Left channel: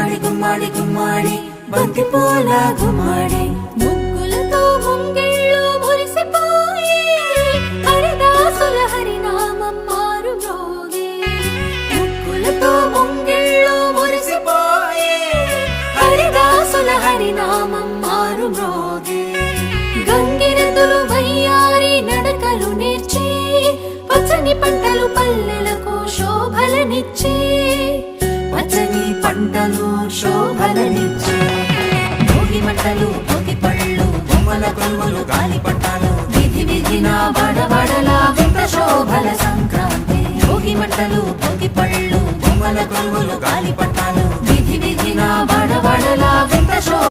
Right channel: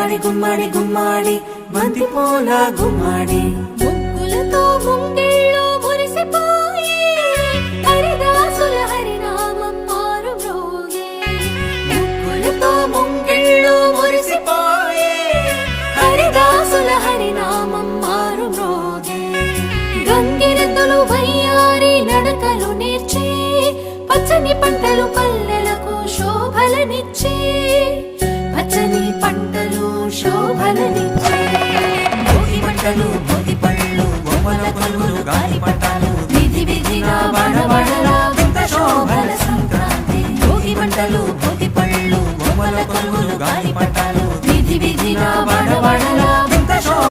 గుమ్మాడి గుమ్మాడి గుమ్మాడి బంతి పూల గుమ్మాడి ముగ్గులతో ముంగిళ్ళు మురిసిపోయి హరిదాసుల హరినామం మారు మ్రోగే ముగ్గులతో ముంగిళ్ళు మురిసిపోయి హరిదాసుల హరినామం మారు మ్రోగే గంగిరెద్దులు వయ్యారి నడకలు నేర్చి పచ్చని పంటలు పల్లెలకు శోభలనిచ్చి పచ్చని పంటలు శోభలనిచ్చి భోగి మంటలు భోగి పళ్ళు బొమ్మల కొలువులు గాలిపటాలు విధి విధిన వాడవాడలా వింత శోభల సంక్రాంతి భోగి మంటలు భోగి పళ్ళు బొమ్మల కొలువులు గాలిపటాలు విధి విధిన వాడ